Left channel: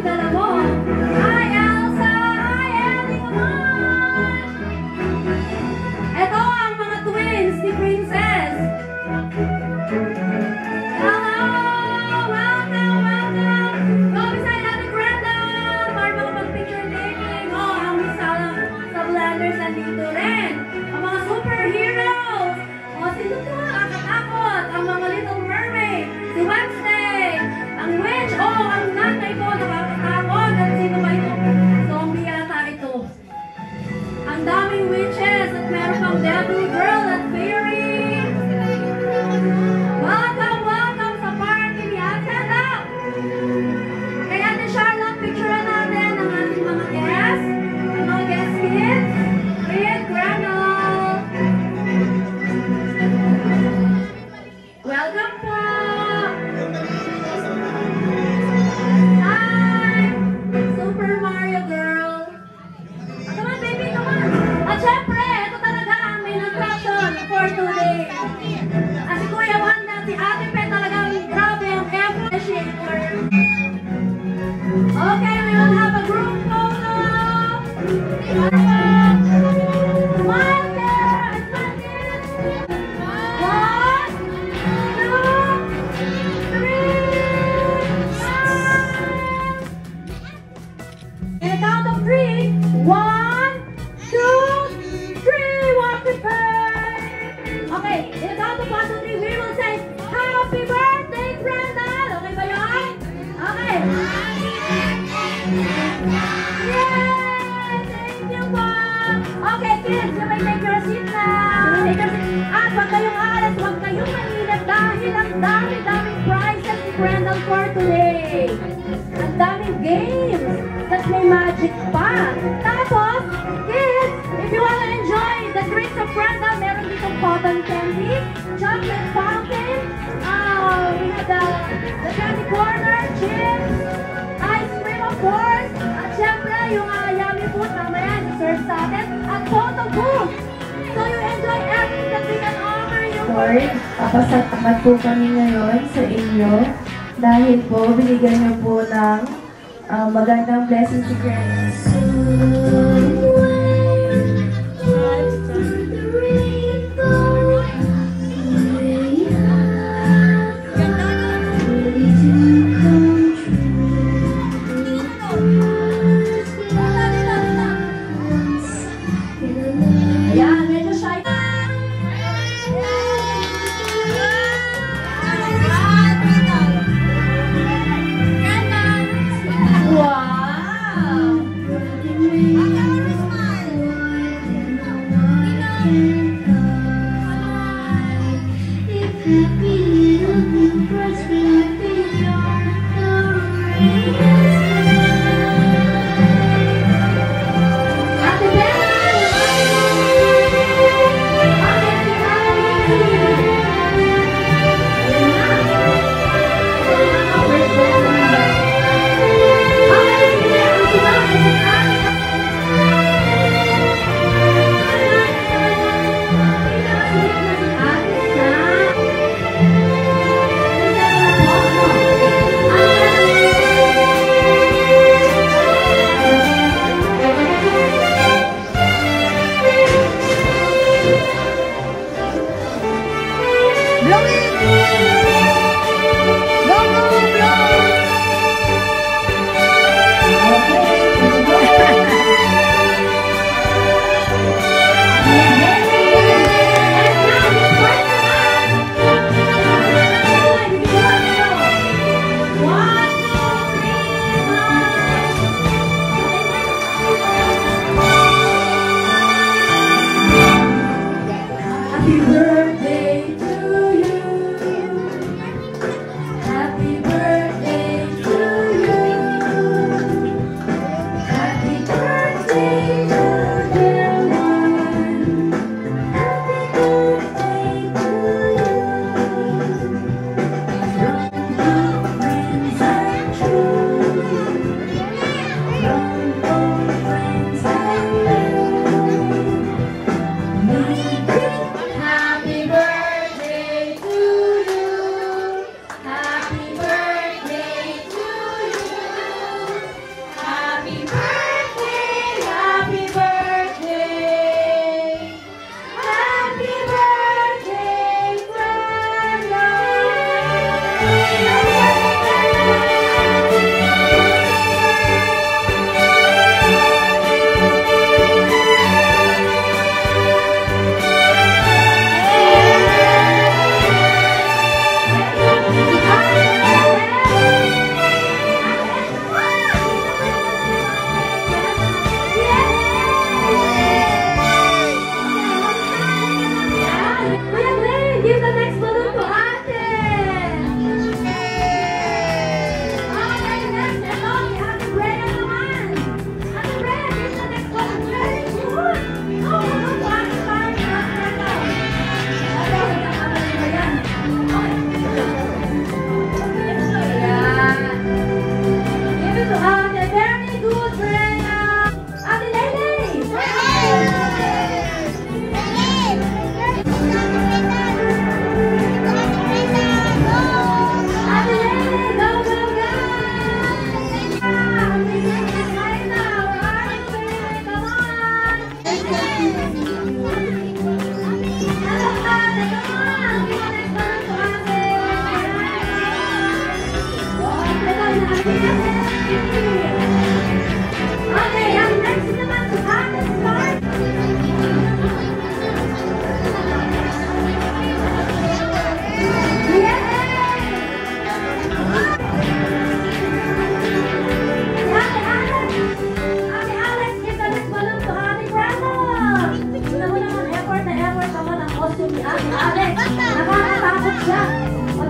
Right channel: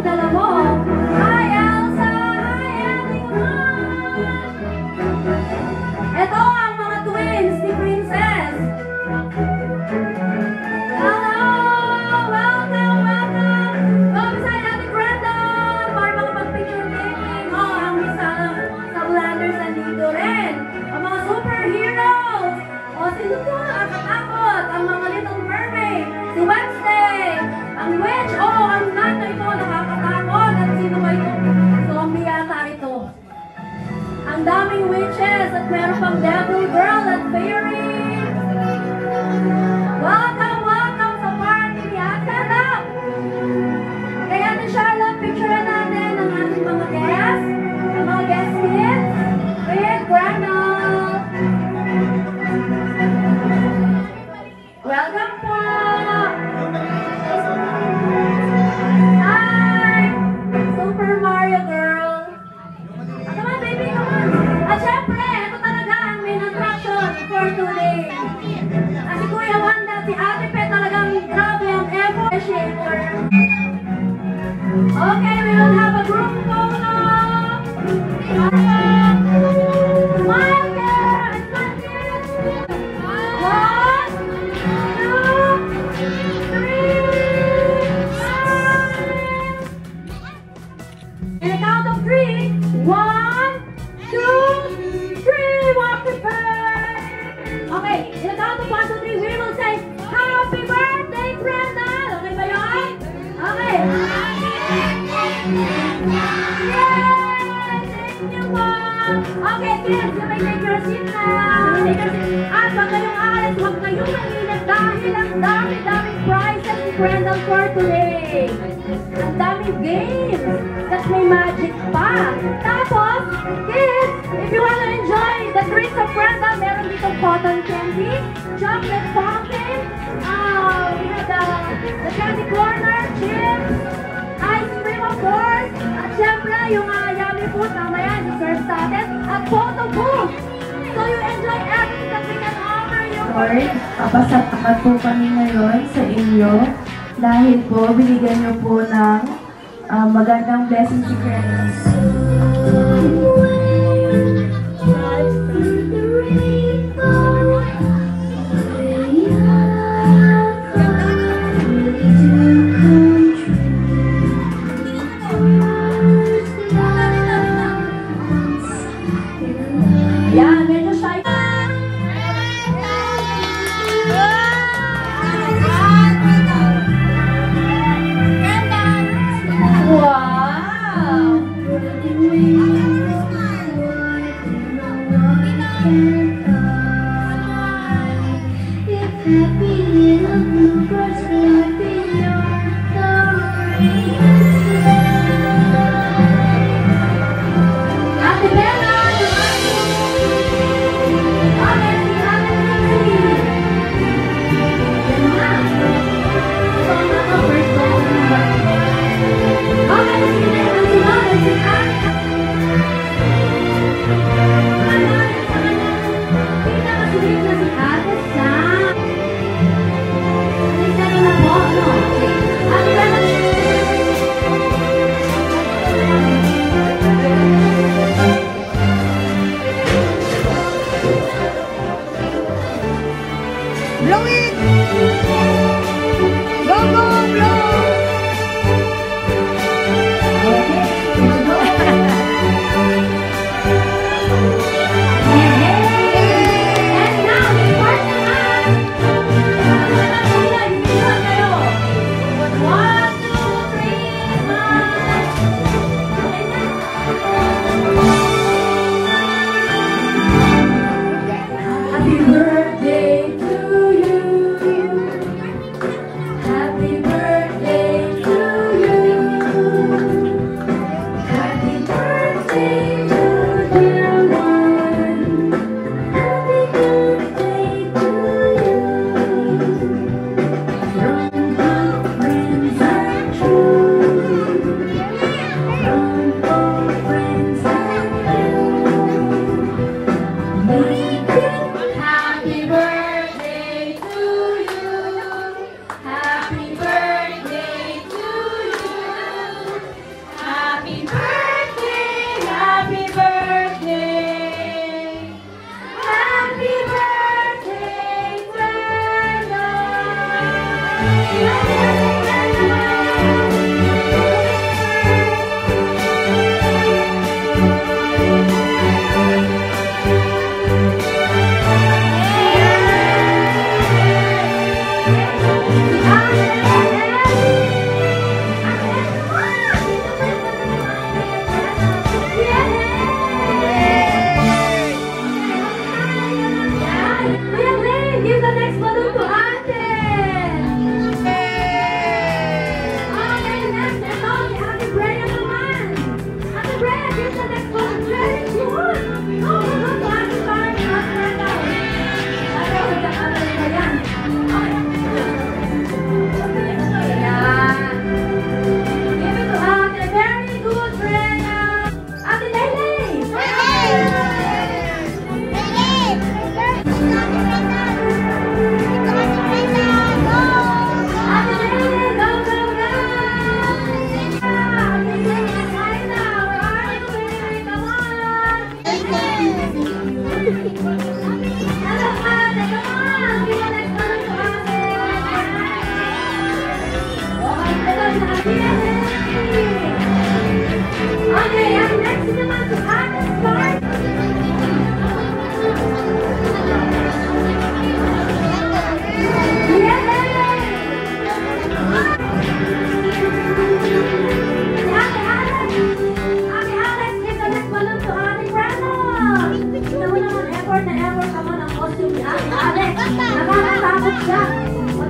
yung dalawa. Hi, Elsa! Hi, Ellie! Ito ang mga twins ni Princess. Hello! Welcome! Go beside Ate Brandon para makapag-picture taking. Ang isa sa Blanders nandito rin. Ang mga superheroes. Sino po ang katakot? Ang mga Little Mermaid. Si Wednesday. Ang witch. Ang nun na ito nakakatakot. At sino ba ito? Zombie yata ito. Ang daming witches at meron pang devil girl at fairy. Welcome sa party ni Ate Lap. Kaya ni Charlotte, picture natin ang ating mga guests. Ang mga guest kids. With Granol. Welcome po. Hi. Super Mario girl. Come on baby, come on. At syempre, ito talaga ang main attraction for today. Si Kuya Wanda, si Ate Pe talagang grabe ang appreciator. Okay, we will have a group photo. Smile there. Smile there. 1, 2, 3. And a count of 3. 1, 2, 3. Walk the bird. Okay, in a count of 1, 2, 3, we will say, Happy birthday, Brenda! Okay ba yun? Okay. Yay! Thank you po! Okay, kids, you may take your seat now. At wag kayong aalas, wag kayong mainit dahil ang dami-daming prizes ni Brenda for today. Ang daming games. Tapos may magic pa. Tapos, kids, if you want to enjoy the drinks of Brenda, meron ditong cotton candy, chocolate fountain, we have the candy corner, chips, ice cream of course, at syempre yung yummy food, mamaya, dessert sa atin, at photo booth. So you enjoy everything that we can offer you. Lord, papasalamat po kami ngayon sa inyo dahil po binigyan niyo po ng magandang blessing si Grace.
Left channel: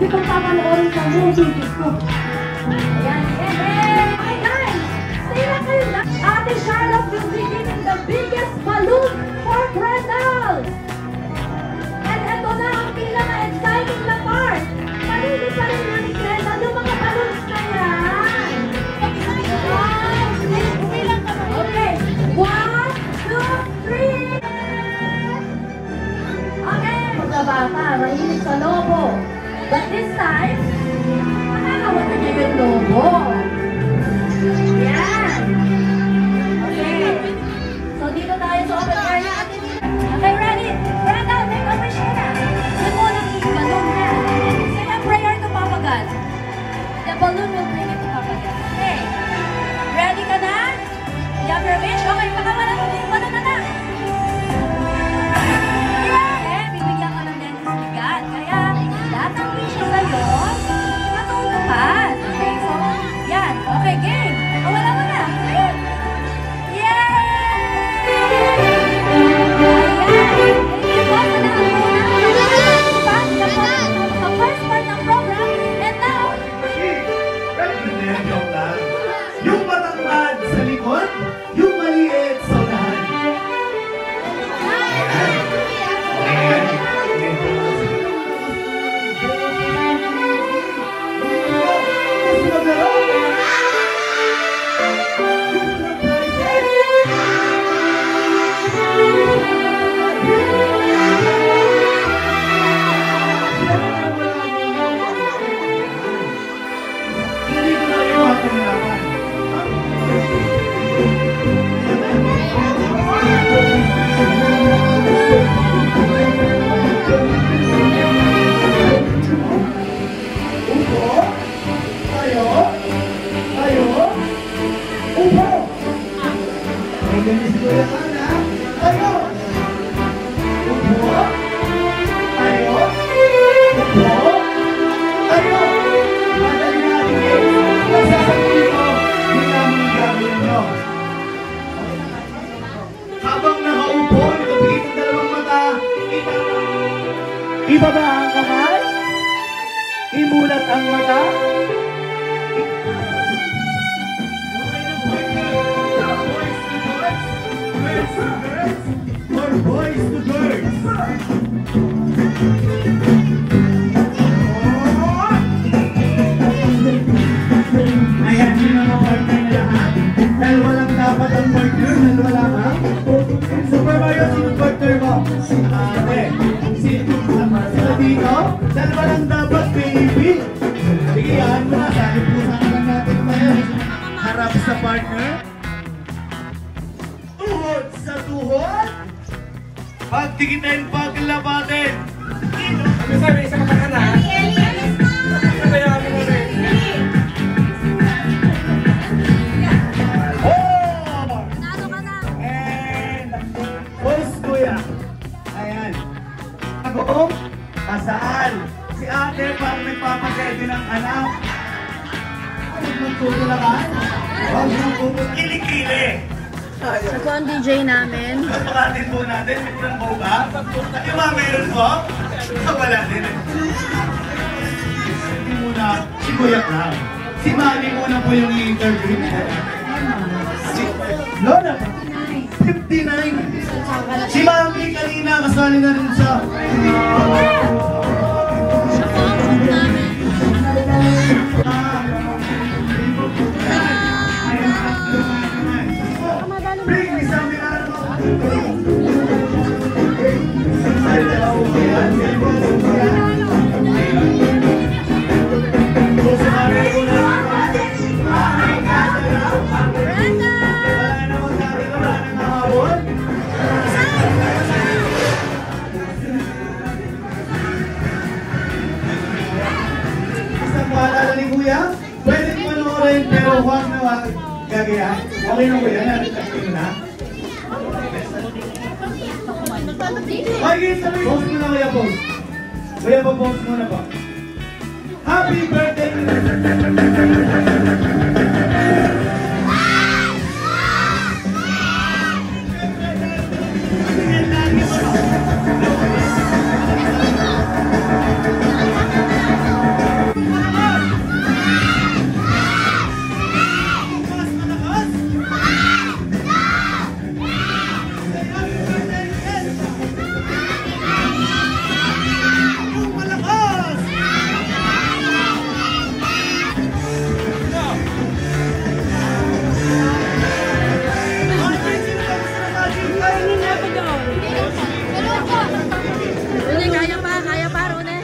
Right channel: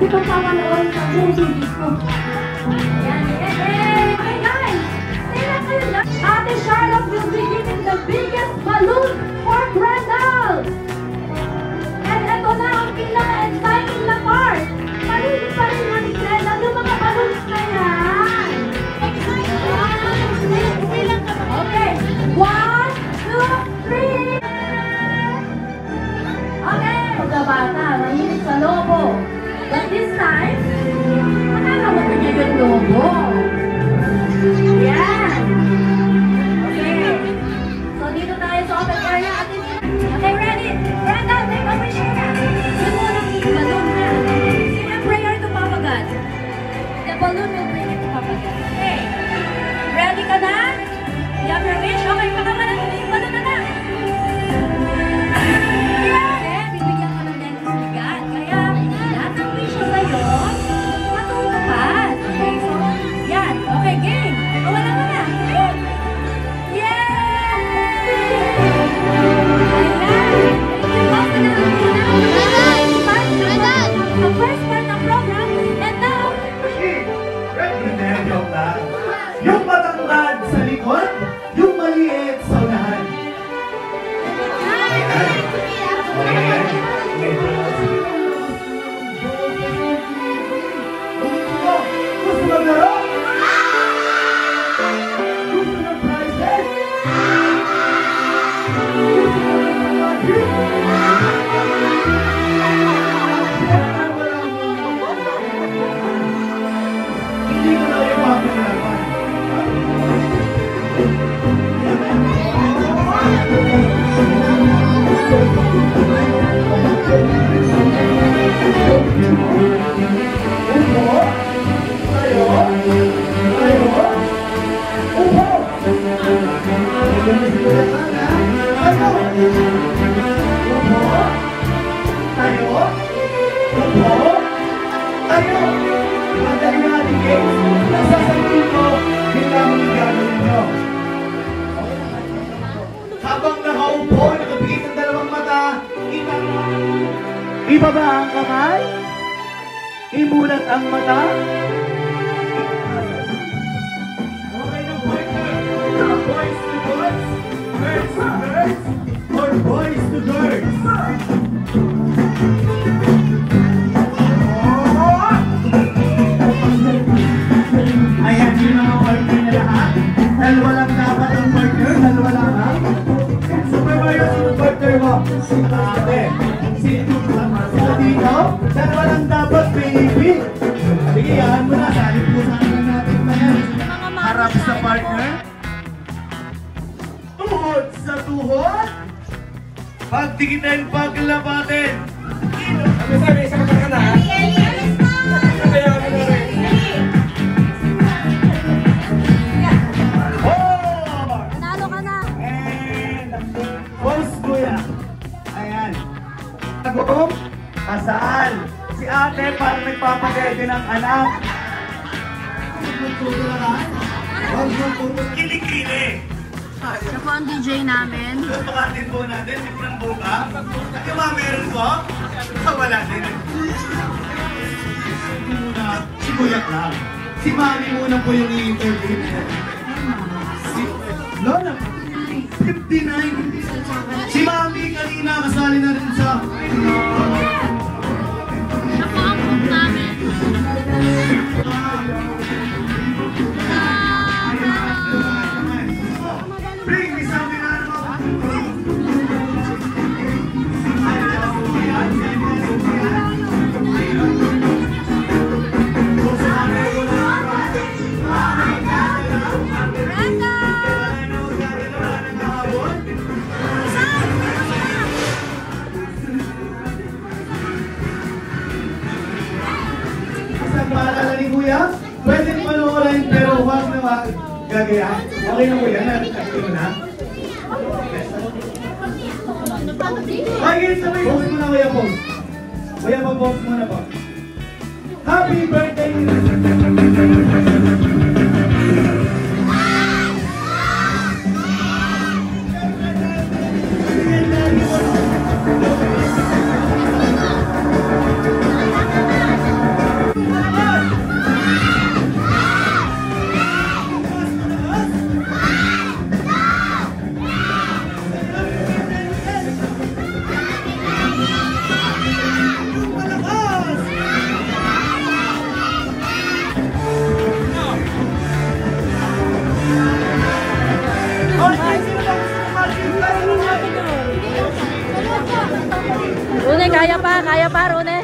Itong papanoorin sa movie ko. Ayan, ayan. Okay, guys. Ate Charlotte will be giving the biggest balloon for Brendel. And ito na ang pinaka-exciting na part. Palito pa rin ang Brendel. Yung mga balloons na yan. Okay. 1, 2, 3. Okay. Pagkabata, nanginig sa lobo. But this time, nakakawag na niya yung lobo. Yan. Okay. So, dito tayo sa kapagkaya. Okay, ready? Brendel, make a wish na. Yung muna yung balloon na. Say a prayer to Papa God. The balloon will bring it to Papa God. Okay. Ready ka na? You have your wish? Okay, pakaman na yung balloon na na. Okay, bibigyan ka lang yan ng sigat. Kaya, lahat ng wish ko sa'yo, matutupad. Okay, so, yan. Okay, game. O, wala ka na. Yung matangkad sa likod, yung maliit sa unahan. Hindi ko na rin mapinalaman. Habang nakaupo, nakapikit ang dalawang mata, ibaba ang kamay, imulat ang mata. Okay na, boys to boys, girls to girls, or boys to girls. Ayan yung mga partner na lahat. Dahil walang dapat ang partner, dahil walang ha. Super Mario, sino partner mo? Sino ate? Sino sama sa dito? Dahil walang dapat, baby. Sige, yan mo na. Dahil pusahan natin na yan. Harap sa partner. Tuhod sa tuhod. Pagdikitin, paglabatin. Sabi, isa ka na. Sabi, magpapakede ng anak. Huwag mong kilikili. Ito po ang DJ namin. Napakatin po natin, Mikrang Boga. At yung mga meron po, wala din. Hindi muna, si Kuya lang. Si Mami muna po yung i-interview niya. Lola, 59. Si Mami kanina kasali na rin siya. Siya po ang cook namin. Bring isang binaro. Paalala ni Kuya, pwede panoorin pero huwag na wag gagayahin. Okay na Kuya, nakikita mo na. Okay, post mo na Kuya, post. Kuya, post mo na po. Happy birthday! Rune, kaya pa, Rune.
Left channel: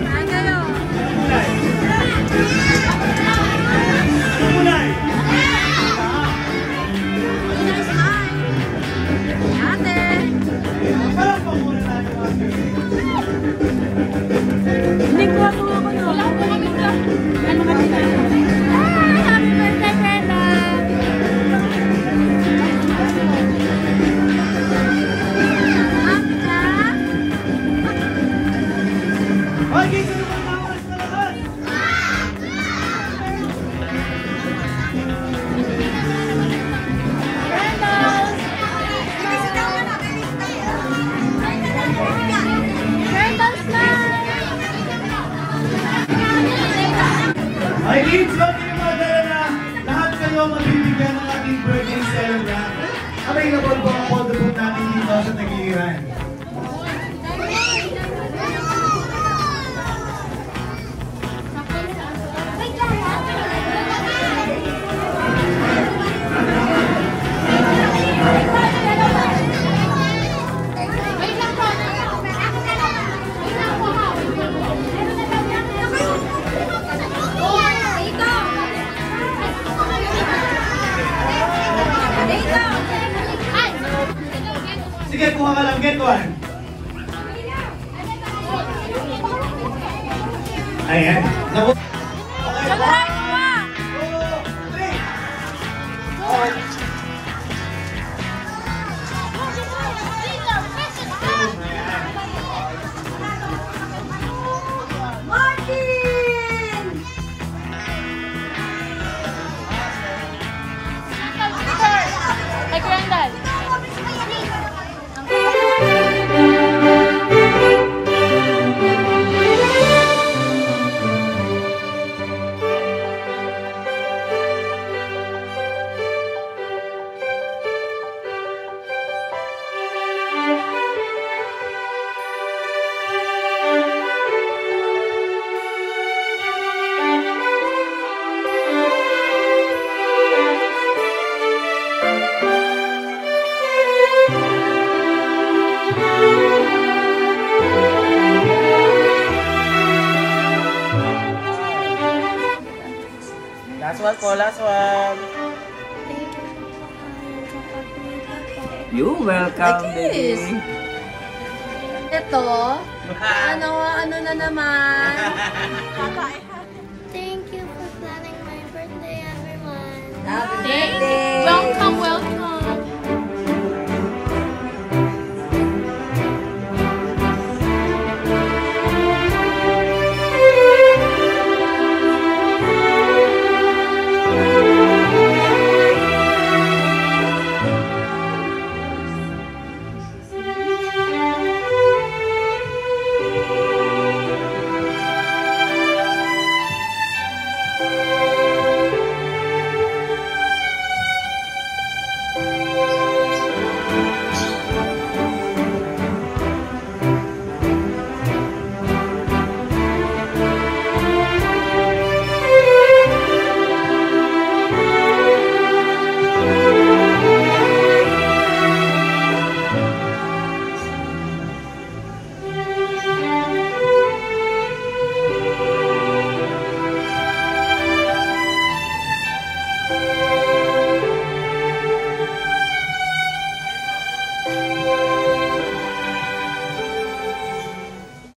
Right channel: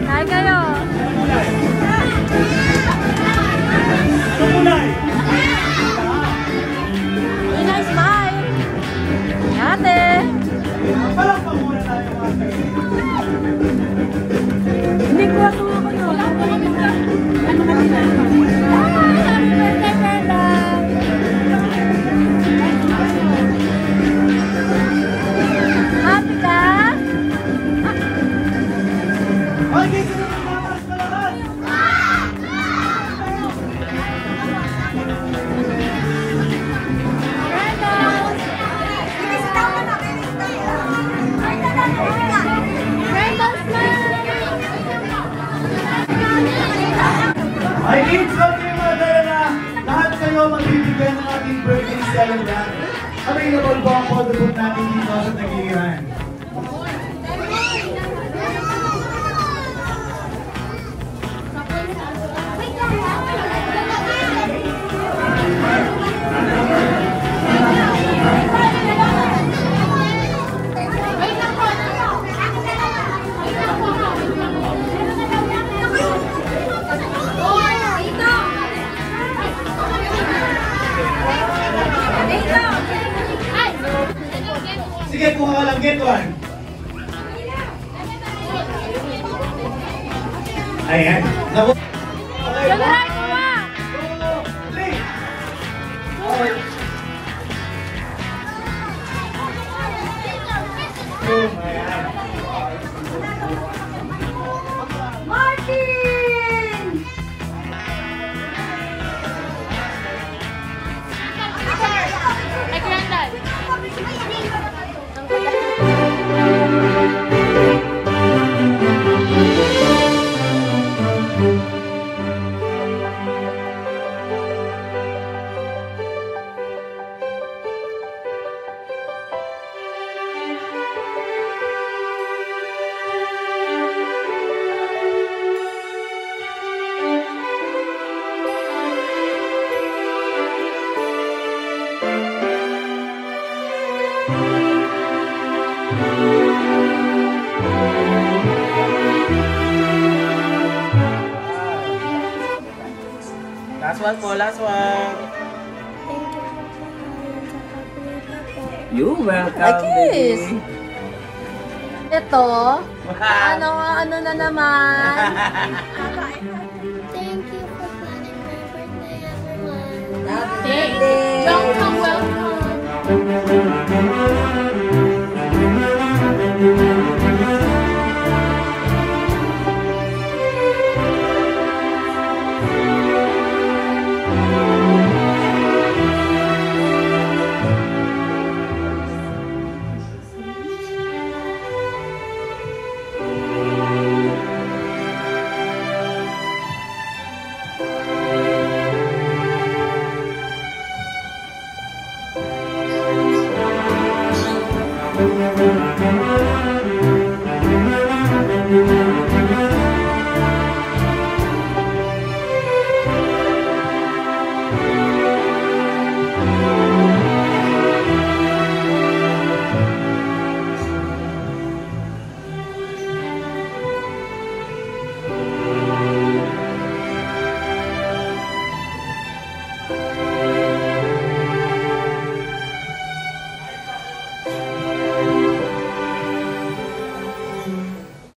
Kaya kayo. Tumulay! Inay, smile. Ate. Palakpak muna tayo, Mami. Hindi ko ako no. Ano ba sila? Ay, happy birthday, Brenda. Happy ka? Okay, sino ba mamaras na lahat? Ay, kids, huwag kayo mag-alala. Lahat kayo magbibigay ng ating birthday celebrant. Available po ang photo book natin dito sa Tagiliran. Sige, kuha ka lang. Get one. Ayan. Naku. General, kuha. Martin! Hey, Granddad. Last one po, last one. Thank you po sa kain sa kapita po. You welcome, Kiss. baby. Ito, ano na naman? Thank you for planning my birthday, everyone. Happy birthday! Don't come well